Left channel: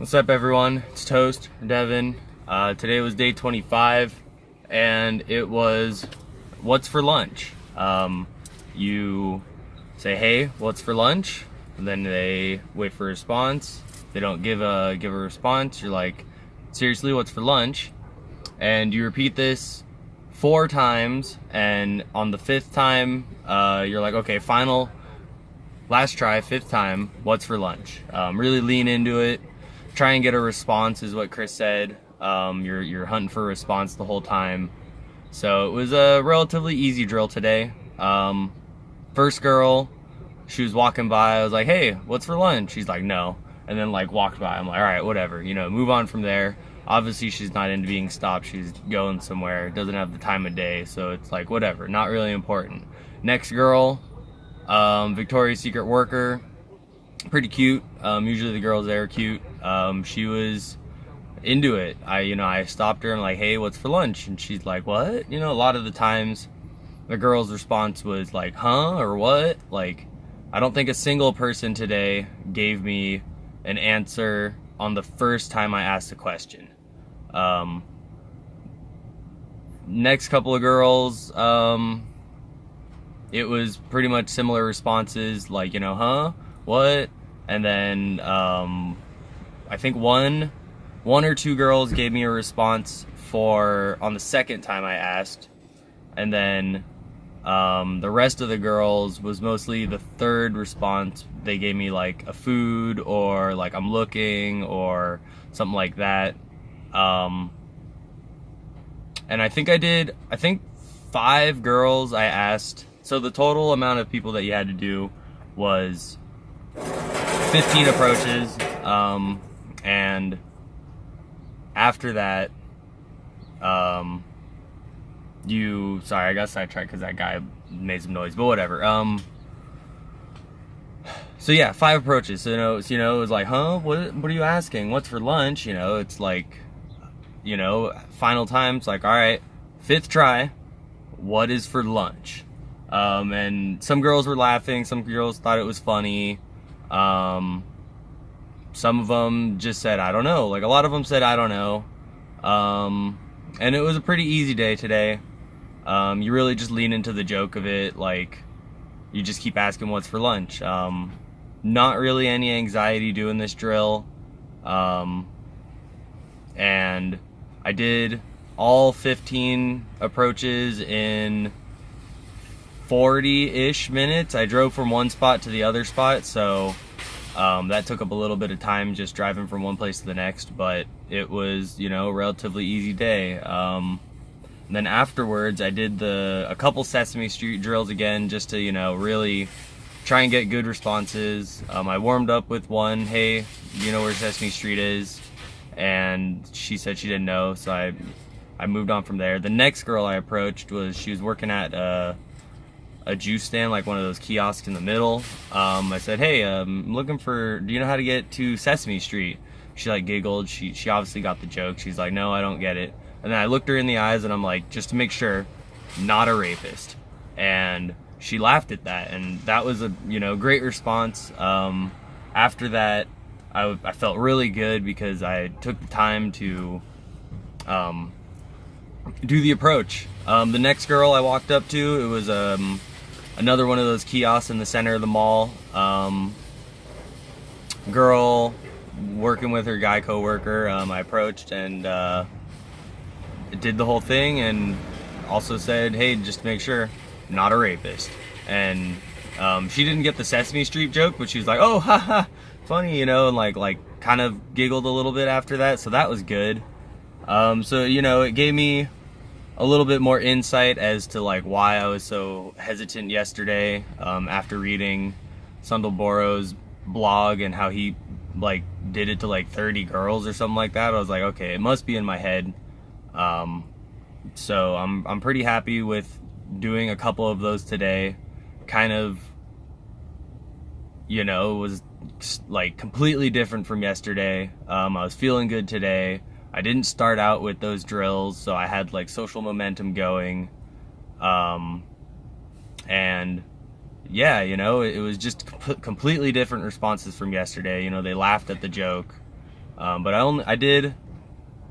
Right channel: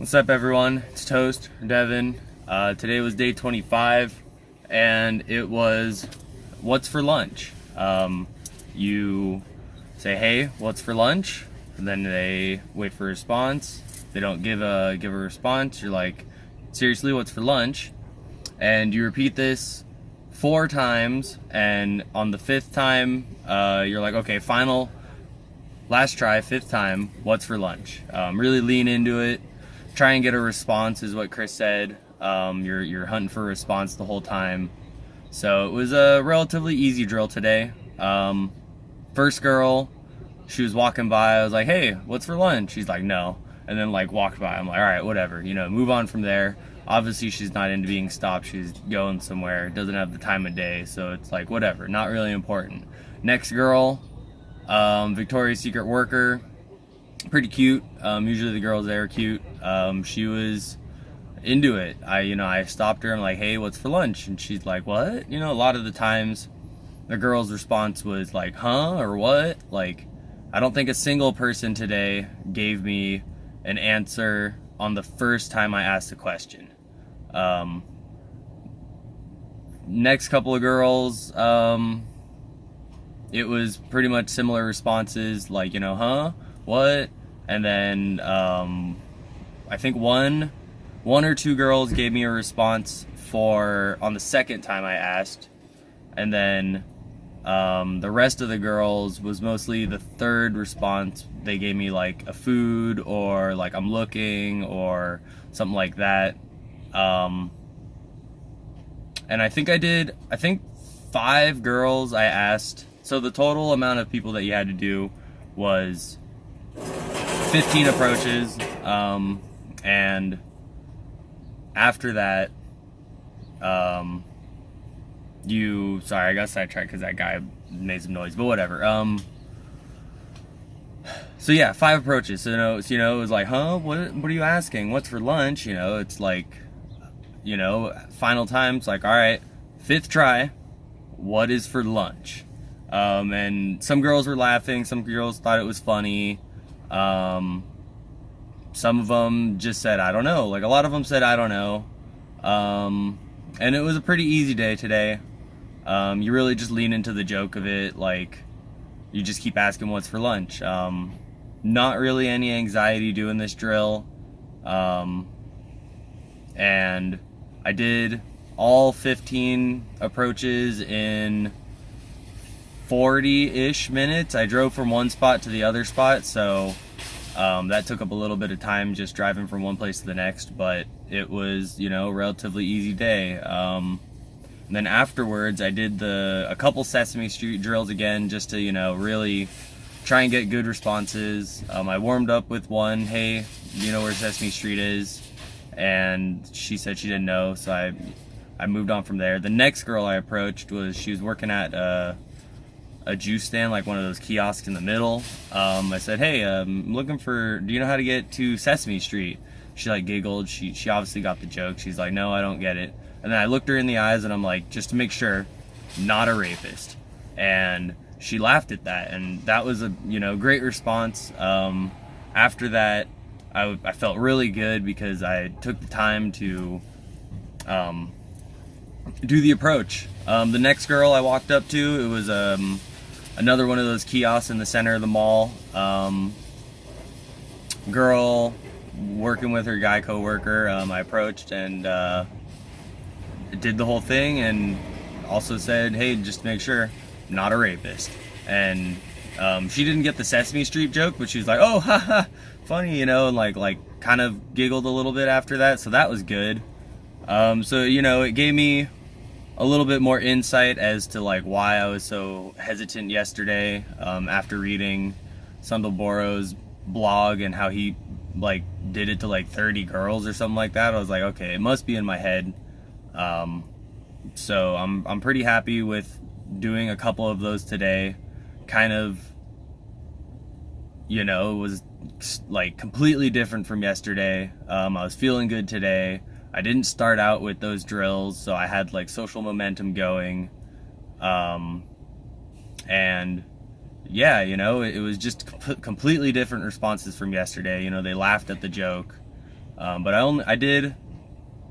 What's up, everyone? It's Toast, Devin. Today was day 25, and it was what's for lunch. You say, "Hey, what's for lunch?" And then they wait for a response. They don't give a response. You're like, "Seriously, what's for lunch?" And you repeat this 4 times, and on the 5th time, you're like, "Okay, last try, 5th time. What's for lunch?" Really lean into it. Try and get a response is what Chris said. You're hunting for a response the whole time. So it was a relatively easy drill today. First girl, she was walking by. I was like, "Hey, what's for lunch?" She's like, "No," and then like walked by. I'm like, "All right, whatever. Move on from there." Obviously, she's not into being stopped. She's going somewhere. Doesn't have the time of day, so it's like whatever. Not really important. Next girl, Victoria's Secret worker. Pretty cute. Usually the girls there are cute. She was into it. I stopped her. I'm like, "Hey, what's for lunch?" And she's like, "What?" A lot of the times the girl's response was like, "Huh?" or "What?" Like, I don't think a single person today gave me an answer on the first time I asked a question. Next couple of girls, it was pretty much similar responses, like, "Huh? What?" And then I think one or two girls gave me a response on the second time I asked, and then the rest of the girls was mostly the third response. They gave me like a food or like "I'm looking" or something like that. And I think 5 girls I asked. So the total amount of people that you had to do was 15 approaches. And after that, sorry, I got sidetracked because that guy made some noise, but whatever. So yeah, 5 approaches. So, it was like, "Huh? What are you asking? What's for lunch?" It's like, final time. It's like, "All right, 5th try. What is for lunch?" And some girls were laughing. Some girls thought it was funny. Some of them just said, "I don't know." Like, a lot of them said, "I don't know." And it was a pretty easy day today. You really just lean into the joke of it. Like, you just keep asking what's for lunch. Not really any anxiety doing this drill. And I did all 15 approaches in 40-ish minutes. I drove from one spot to the other spot, so that took up a little bit of time just driving from one place to the next, but it was, a relatively easy day. And then afterwards, I did a couple Sesame Street drills again, just to, really try and get good responses. I warmed up with one, "Hey, do you know where Sesame Street is?" And she said she didn't know, so I moved on from there. The next girl I approached she was working at a juice stand, like one of those kiosks in the middle. I said, "Hey, I'm looking do you know how to get to Sesame Street?" She like giggled. She obviously got the joke. She's like, "No, I don't get it." And then I looked her in the eyes and I'm like, just to make sure, "Not a rapist." And she laughed at that, and that was a great response. After that, I felt really good because I took the time to do the approach. The next girl I walked up to, it was another one of those kiosks in the center of the mall. Girl working with her guy coworker. I approached and did the whole thing, and also said, "Hey, just to make sure, not a rapist." And she didn't get the Sesame Street joke, but she was like, "Oh, haha, funny," and like kind of giggled a little bit after that. So that was good. So it gave me a little bit more insight as to like why I was so hesitant yesterday, after reading Sundal Boro's blog and how he like did it to like 30 girls or something like that. I was like, okay, it must be in my head. So I'm pretty happy with doing a couple of those today. Kind of, it was like completely different from yesterday. I was feeling good today. I didn't start out with those drills, so I had like social momentum going. And yeah, it was just completely different responses from yesterday. They laughed at the joke. But I did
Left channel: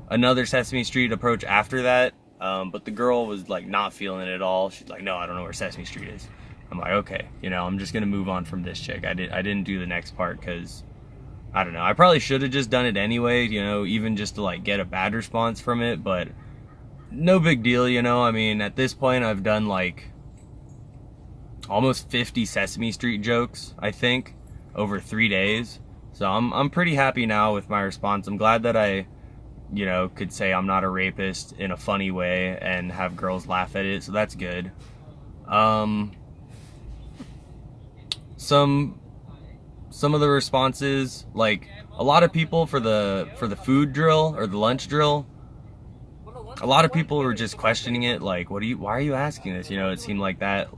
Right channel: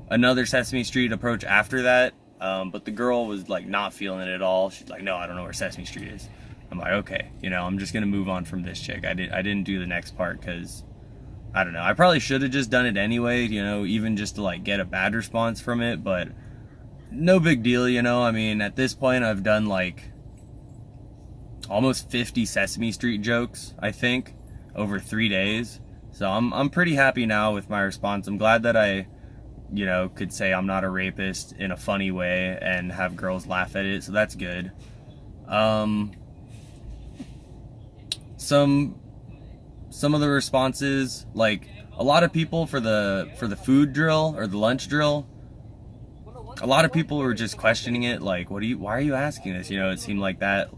another Sesame Street approach after that, but the girl was like not feeling it at all. She's like, no, I don't know where Sesame Street is. I'm like, okay, you know, I'm just gonna move on from this chick. I didn't do the next part because I don't know. I probably should have just done it anyway, you know, even just to like get a bad response from it, but no big deal, you know. I mean, at this point I've done like almost 50 Sesame Street jokes, I think, over 3 days. So I'm pretty happy now with my response. I'm glad that I, you know, could say I'm not a rapist in a funny way and have girls laugh at it. So that's good. Some of the responses, like a lot of people for the food drill or the lunch drill, a lot of people were just questioning it, like, why are you asking this? You know, it seemed like that.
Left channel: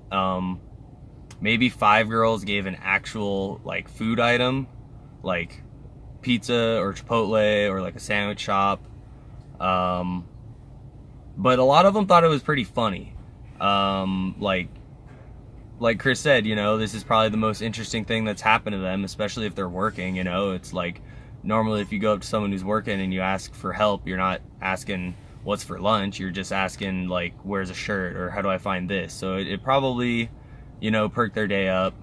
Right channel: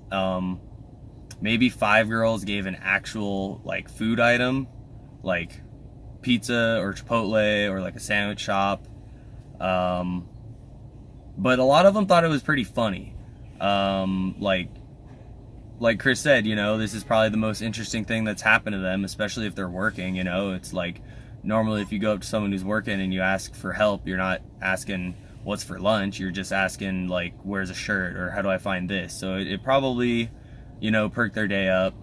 Maybe 5 girls gave an actual like food item, like pizza or Chipotle or like a sandwich shop. But a lot of them thought it was pretty funny. Like Chris said, you know, this is probably the most interesting thing that's happened to them, especially if they're working. You know, it's like normally if you go up to someone who's working and you ask for help, you're not asking what's for lunch, you're just asking like, where's a shirt or how do I find this? So it probably, you know, perked their day up.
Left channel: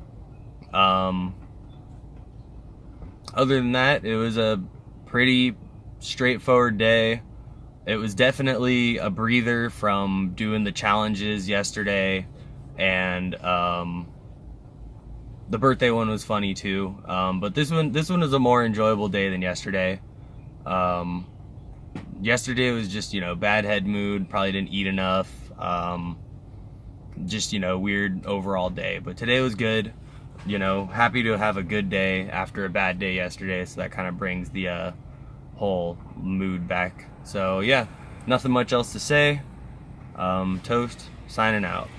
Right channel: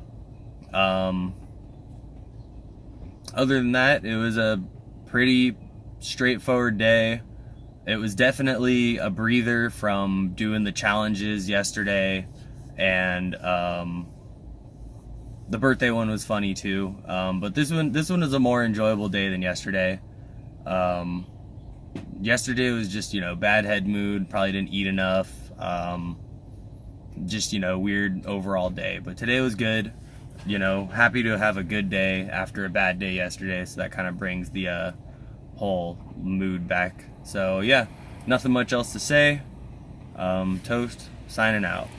Other than that, it was a pretty straightforward day. It was definitely a breather from doing the challenges yesterday, and the birthday one was funny too. But this one is a more enjoyable day than yesterday. Yesterday was just, you know, bad head mood, probably didn't eat enough. Just, you know, weird overall day. But today was good. You know, happy to have a good day after a bad day yesterday, so that kind of brings the whole mood back. So yeah, nothing much else to say. Toast, signing out.